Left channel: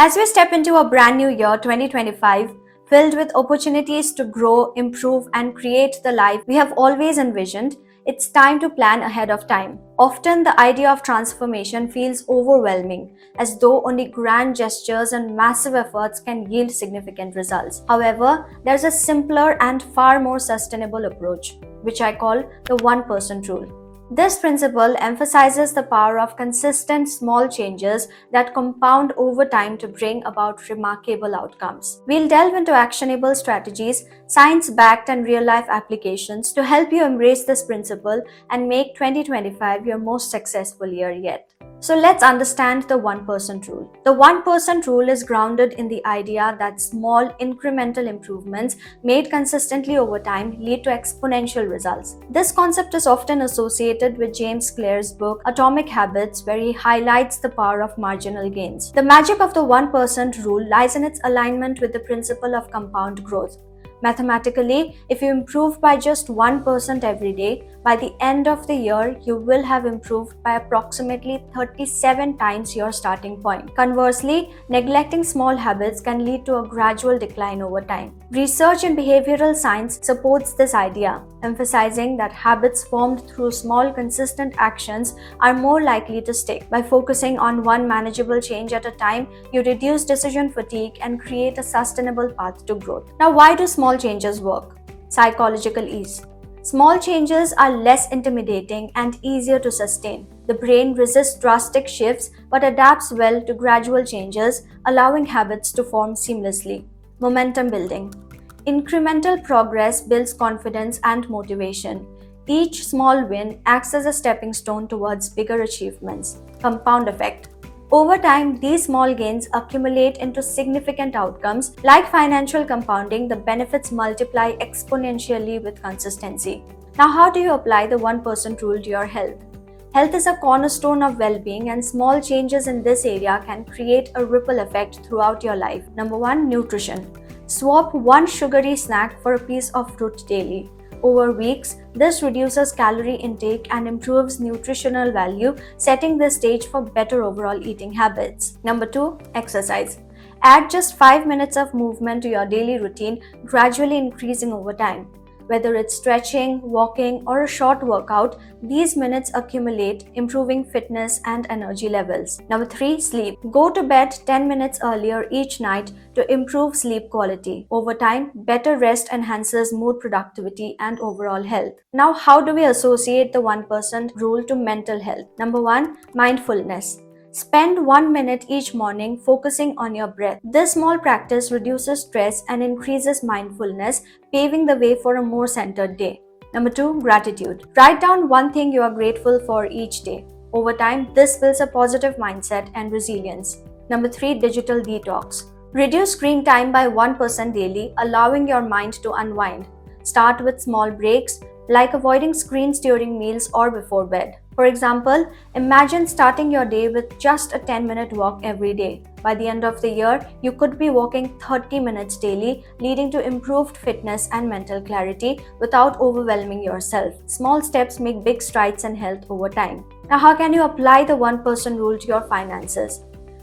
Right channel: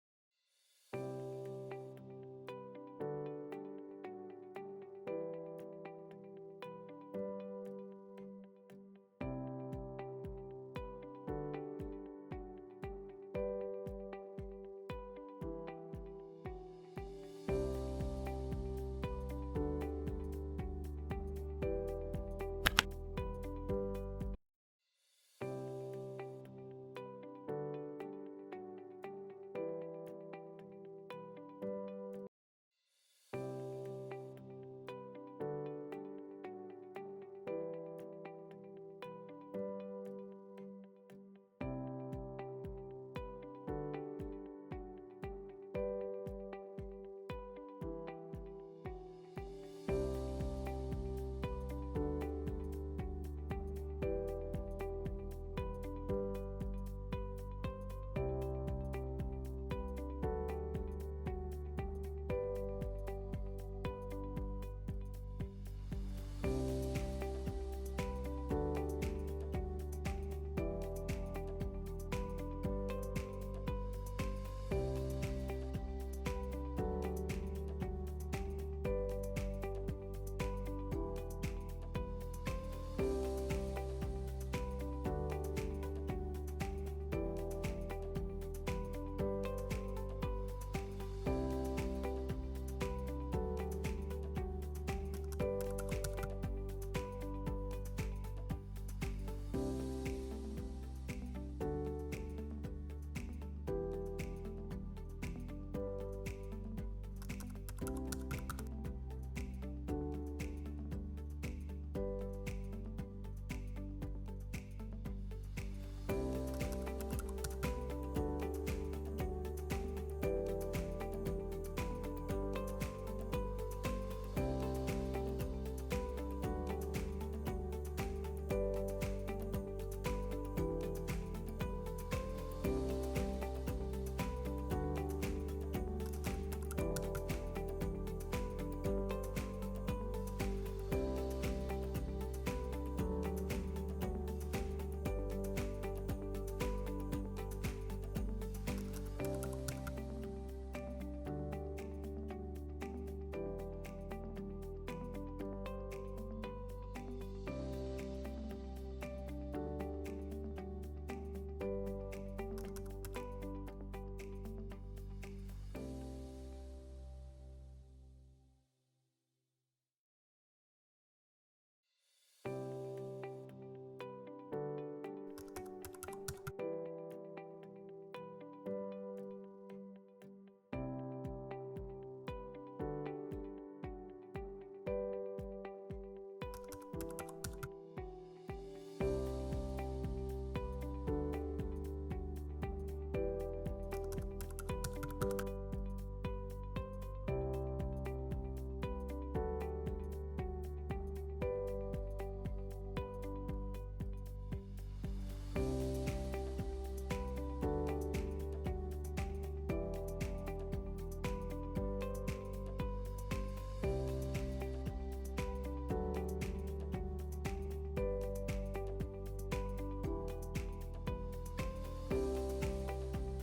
As we step into a brand new year 2025, filled with opportunities to grow, improve, and create the life we have always envisioned, it's time to plan ahead of time. Often, the idea of transformation feels overwhelming, as though only grand gestures and massive efforts can yield significant results. However, there's a simpler and far more sustainable approach, which I call the 1% rule. This principle emphasizes the power of consistent small changes that compound over time to bring about remarkable outcomes. We'll delve into actionable strategies, science backed, and real life applications to help you embrace this principle and make 2025 your most successful year yet. So let's understand the 1% rule. The 1% rule is grounded in the idea that small incremental improvements made consistently over time lead to exponential results. This concept is often associated with James Clear's book Atomic Habits, where he highlights the power of marginal gains. The magic of the 1% rule lies in its alignment with the principle of compound growth. Mathematically, if you improve by just 1% every day, by the end of the year, you will have improved by approximately 37 times your starting point. Conversely, neglecting small habits can lead to a gradual decline over time. Research in behavioral science supports this idea, emphasizing that habits formed through small, consistent actions are more likely to stick. By focusing on one manageable change at a time, you reduce decision fatigue and create a sustainable path to growth. Now, why do small changes work? Psychological ease. Small changes are less intimidating and easier to sustain. The brain resists drastic shifts but adapts well to gradual changes, allowing habits to form seamlessly. Momentum building. Incremental progress builds confidence and motivation. Each small win acts as a stepping stone towards bigger achievements. Compound effect. Over time, these small gains accumulate into significant outcomes. Like financial compounding, the benefits multiply exponentially with consistency. Now, how do you apply the 1% rule to your health? Health is a cornerstone of well-being, and small changes in this area can create a ripple effect throughout your life. Number 1, nutrition. Swap one sugary snack for a piece of fruit daily. Over weeks, this reduces calorie intake and improves nutritional value, setting the stage for better overall eating habits. Number 2, exercise. Add just 5 minutes of movement to your daily routine, gradually increasing over time. Whether it's stretching, walking, or a short workout, these minutes accumulate, improving fitness and energy levels. Number 3, sleep. Go to bed 10 minutes earlier each night to improve sleep quality. Over time, better rest enhances mood, productivity, and overall health. Now, how do we associate the 1% rule to mental health? Number 1, mindfulness. Spend 1 minute each morning focusing on your breath. This small practice reduces stress and increases mindfulness, paving the way for a more centered day. Number 2, gratitude. Write down one thing you are grateful for each day. Over time, this builds a positive mindset and resilience. Number 3, digital detox. Reduce screen time by 1% daily, allowing your mind to unwind. Start with small breaks, like avoiding screens during meals or before bed. For example, imagine starting your day with just a 10-minute walk every day. By the end of the year, you could be walking 30 minutes daily, leading to improved fitness and mental clarity without overwhelming yourself. Small steps make big strides in health over time. Now, how can you apply the 1% rule to your finances?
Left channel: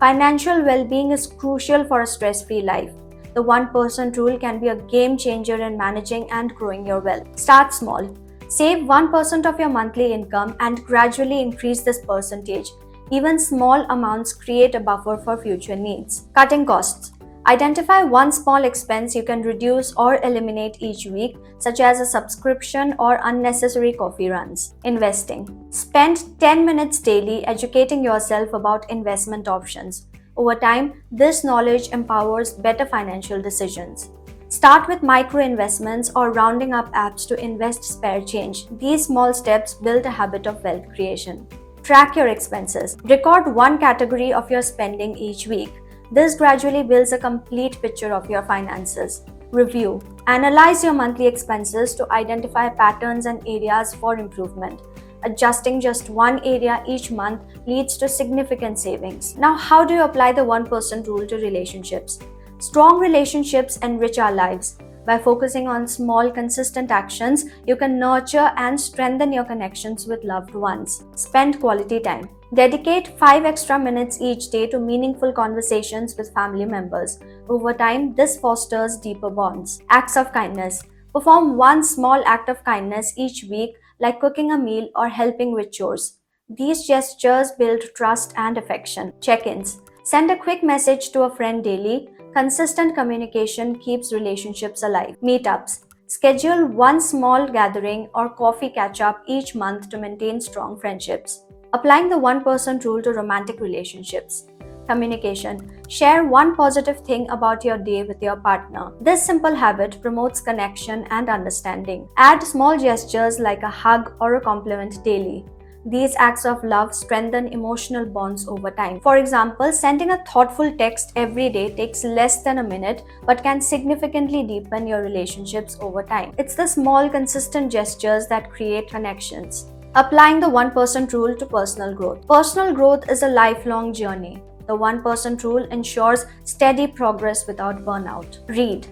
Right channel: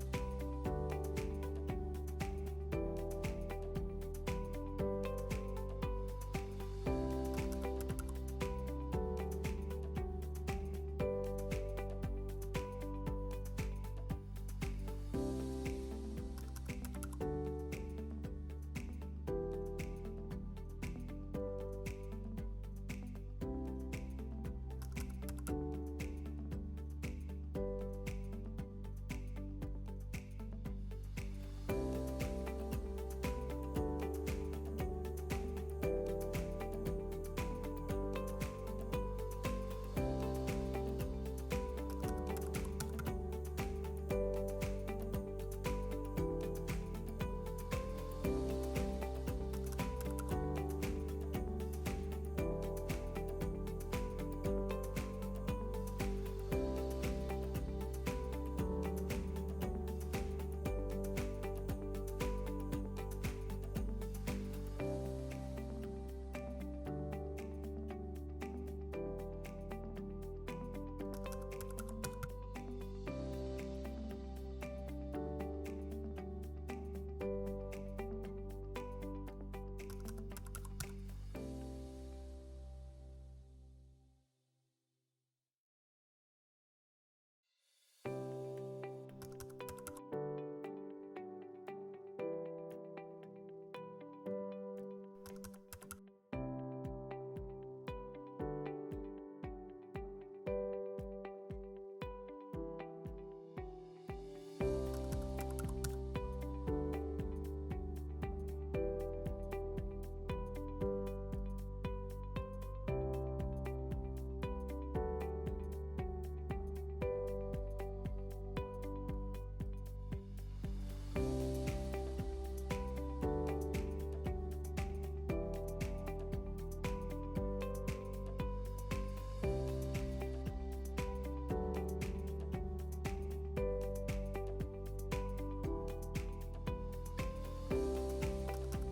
Financial well-being is crucial for a stress-free life. The 1% rule can be a game changer in managing and growing your wealth. Start small. Save 1% of your monthly income and gradually increase this percentage. Even small amounts create a buffer for future needs. Cutting costs. Identify one small expense you can reduce or eliminate each week, such as a subscription or unnecessary coffee runs. Investing. Spend 10 minutes daily educating yourself about investment options. Over time, this knowledge empowers better financial decisions. Start with micro investments or rounding up apps to invest spare change. These small steps build a habit of wealth creation. Track your expenses. Record one category of your spending each week. This gradually builds a complete picture of your finances. Review. Analyze your monthly expenses to identify patterns and areas for improvement. Adjusting just one area each month leads to significant savings. Now, how do you apply the 1% rule to relationships? Strong relationships enrich our lives. By focusing on small, consistent actions, you can nurture and strengthen your connections with loved ones. Spend quality time. Dedicate 5 extra minutes each day to meaningful conversations with family members. Over time, this fosters deeper bonds. Acts of kindness. Perform one small act of kindness each week, like cooking a meal or helping with chores. These gestures build trust and affection. Check ins. Send a quick message to a friend daily. Consistent communication keeps relationships alive. Meetups. Schedule one small gathering or coffee catch up each month to maintain strong friendships. Applying the 1% rule to romantic relationships. Communication. Share one positive thing about your day with your partner. This simple habit promotes connection and understanding. Add small gestures like a hug or a compliment daily. These acts of love strengthen emotional bonds over time. For example, sending a thoughtful text every day takes less than a minute but can significantly deepen your relationships over time. It's the small, consistent gestures that create connections. Applying the 1% rule to personal growth. Personal growth is a lifelong journey. The 1% rule ensures steady progress without burnout. Read.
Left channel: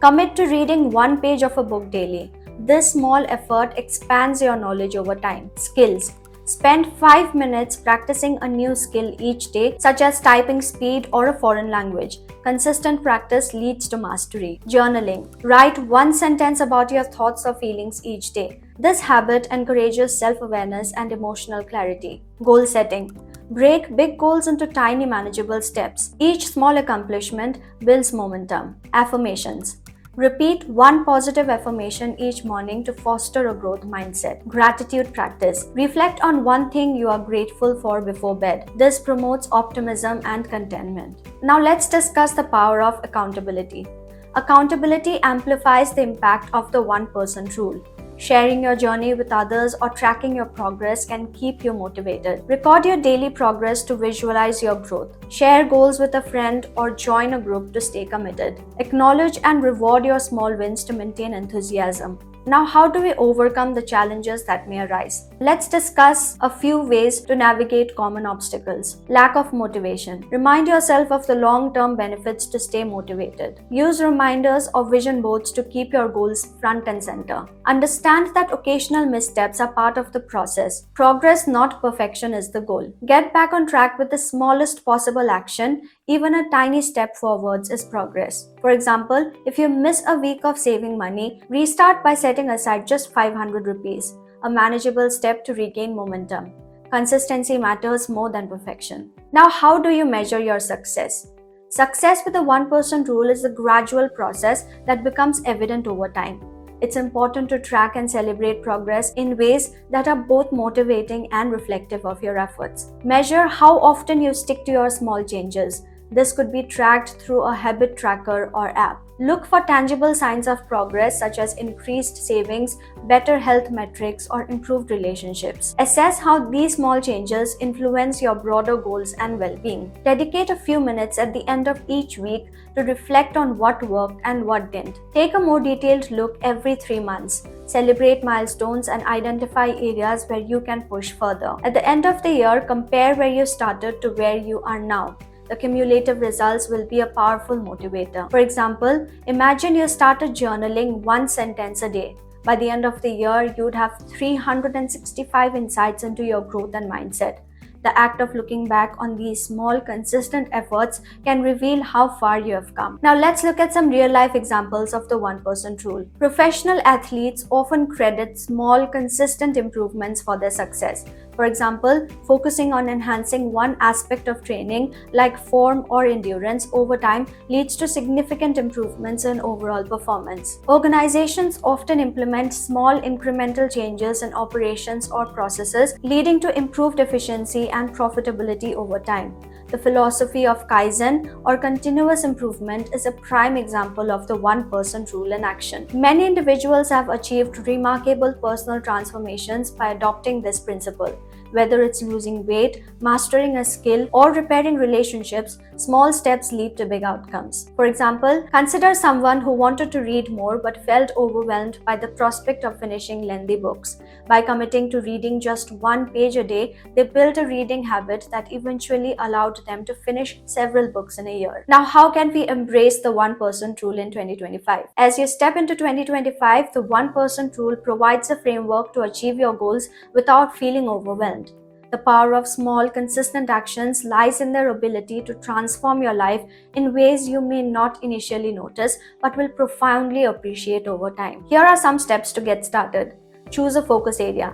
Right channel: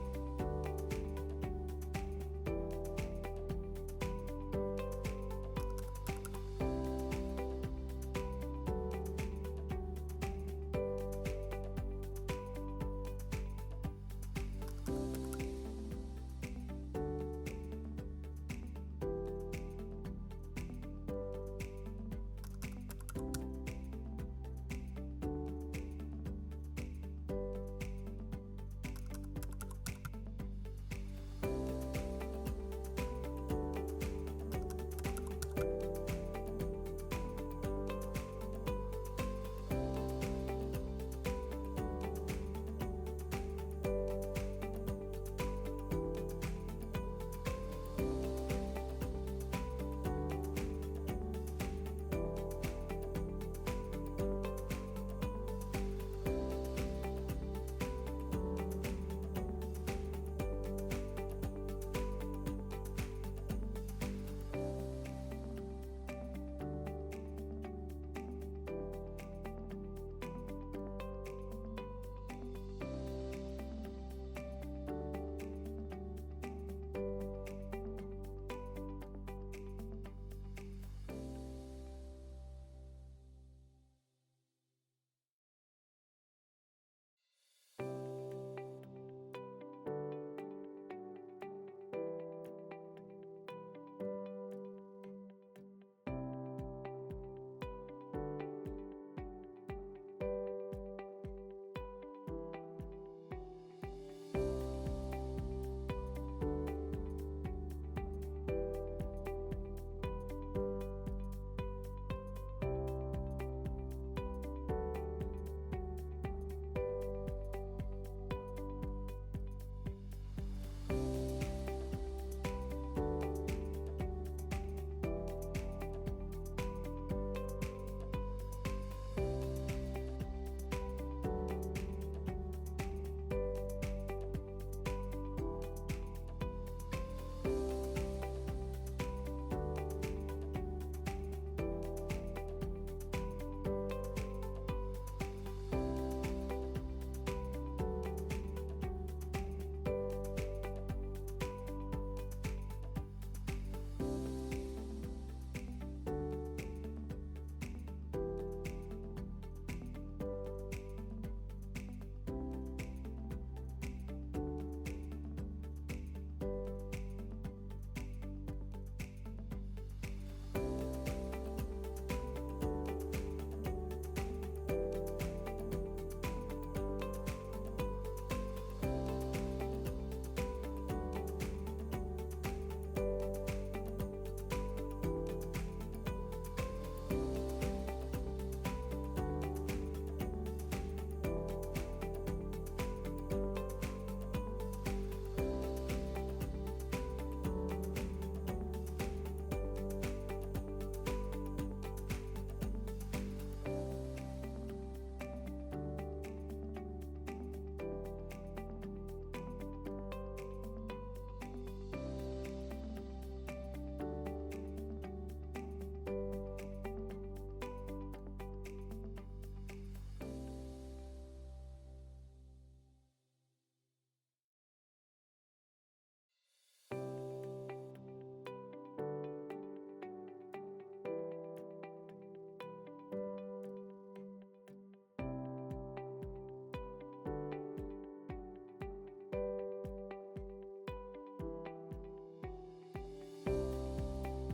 Commit to reading one page of a book daily. This small effort expands your knowledge over time. Skills. Spend 5 minutes practicing a new skill each day, such as typing speed or a foreign language. Consistent practice leads to mastery. Journaling. Write one sentence about your thoughts or feelings each day. This habit encourages self-awareness and emotional clarity. Goal setting. Break big goals into tiny manageable steps. Each small accomplishment builds momentum. Affirmations. Repeat one positive affirmation each morning to foster a growth mindset. Gratitude practice. Reflect on one thing you are grateful for before bed. This promotes optimism and contentment. Now let's discuss the power of accountability. Accountability amplifies the impact of the 1% rule. Sharing your journey with others or tracking your progress can keep you motivated. Record your daily progress to visualize your growth. Share goals with a friend or join a group to stay committed. Acknowledge and reward your small wins to maintain enthusiasm. Now, how do we overcome the challenges that may arise? Let's discuss a few ways to navigate common obstacles. Lack of motivation. Remind yourself of the long-term benefits to stay motivated. Use reminders or vision boards to keep your goals front and center. Understand that occasional missteps are part of the process. Progress, not perfection, is the goal. Get back on track with the smallest possible action. Even a tiny step forwards is progress. For example, if you miss a week of saving money, restart by setting aside just 500 rupees, a manageable step to regain momentum. Consistency matters more than perfection. Now, how do you measure your success? Success with the 1% rule is a gradual process that becomes evident over time. It's important to track and celebrate progress in ways that are both motivating and reflective of your efforts. Measure how often you stick to your small changes. This could be tracked through a habit tracker or app. Look for tangible signs of progress such as increased savings, better health metrics, or improved relationships. Assess how these small changes influence your broader goals and well-being. Dedicate a few minutes at the end of each week to reflect on what worked and what didn't. Take a more detailed look every 3 months. Celebrate milestones and identify areas where you can push further. At the end of the year, compare where you started to where you are now. The cumulative results will be a powerful motivator. For example, imagine you started journaling one sentence a day. By the end of the year, you'd have 365 insights into your growth and mindset. The act of looking back on these small, consistent efforts can reveal how far you have come. Now, let's look at some real-life examples of the 1% rule. Professional athletes often credit small, consistent improvements for their success. For example, focusing on enhancing one aspect of training, like form or endurance, over time leads to significant improvements in overall performance. Organizations often implement small incremental changes in operations or processes, leading to improved efficiency and profitability over time. The philosophy of Kaizen, or continuous improvement, is a prime example of the 1% rule in action. Many individuals have achieved remarkable personal transformations by adopting this principle. Whether it's losing weight, mastering a skill, or repairing relationships, small steps lead to big outcomes. For example, consider someone who wanted to read more but felt overwhelmed by the prospect of finishing lengthy books. By committing to reading just one page a day, they built a reading habit that eventually allowed them to finish several books in a year. Now, how can we embrace the 1% rule in 2025? As you step into 2025, the 1% rule provides a framework to achieve your goals without feeling overwhelmed. The power of small, consistent actions lies in their ability to transform your life in ways you may not initially notice but will profoundly appreciate over time. Here are some steps to get started. Choose a focus area.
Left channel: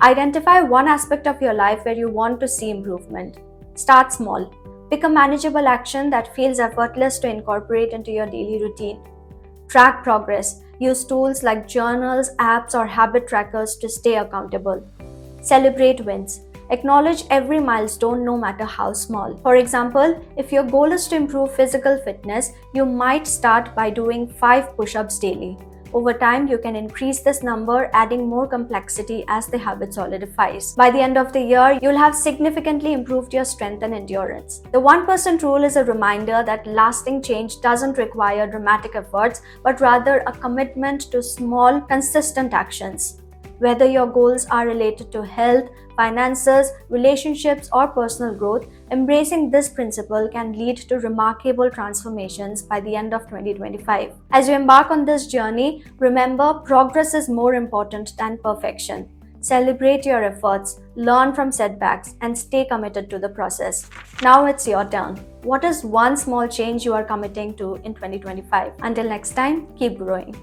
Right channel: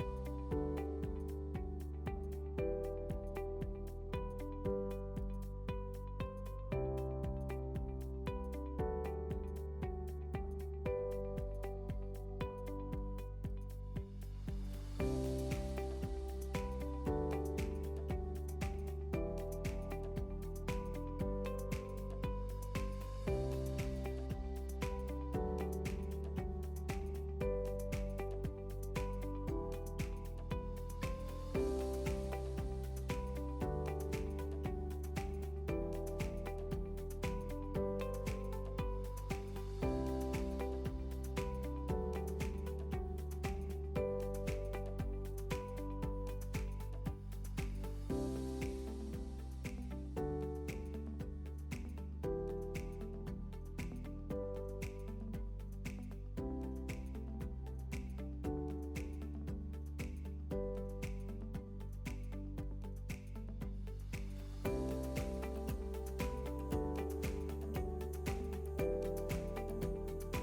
Identify one aspect of your life where you want to see improvement. Start small. Pick a manageable action that feels effortless to incorporate into your daily routine. Track progress. Use tools like journals, apps, or habit trackers to stay accountable. Celebrate wins. Acknowledge every milestone, no matter how small. For example, if your goal is to improve physical fitness, you might start by doing 5 push-ups daily. Over time, you can increase this number, adding more complexity as the habit solidifies. By the end of the year, you'll have significantly improved your strength and endurance. The 1% rule is a reminder that lasting change doesn't require dramatic efforts, but rather a commitment to small, consistent actions. Whether your goals are related to health, finances, relationships, or personal growth, embracing this principle can lead to remarkable transformations by the end of 2025. As you embark on this journey, remember progress is more important than perfection. Celebrate your efforts, learn from setbacks, and stay committed to the process. Now it's your turn. What is one small change you are committing to in 2025? Until next time, keep growing.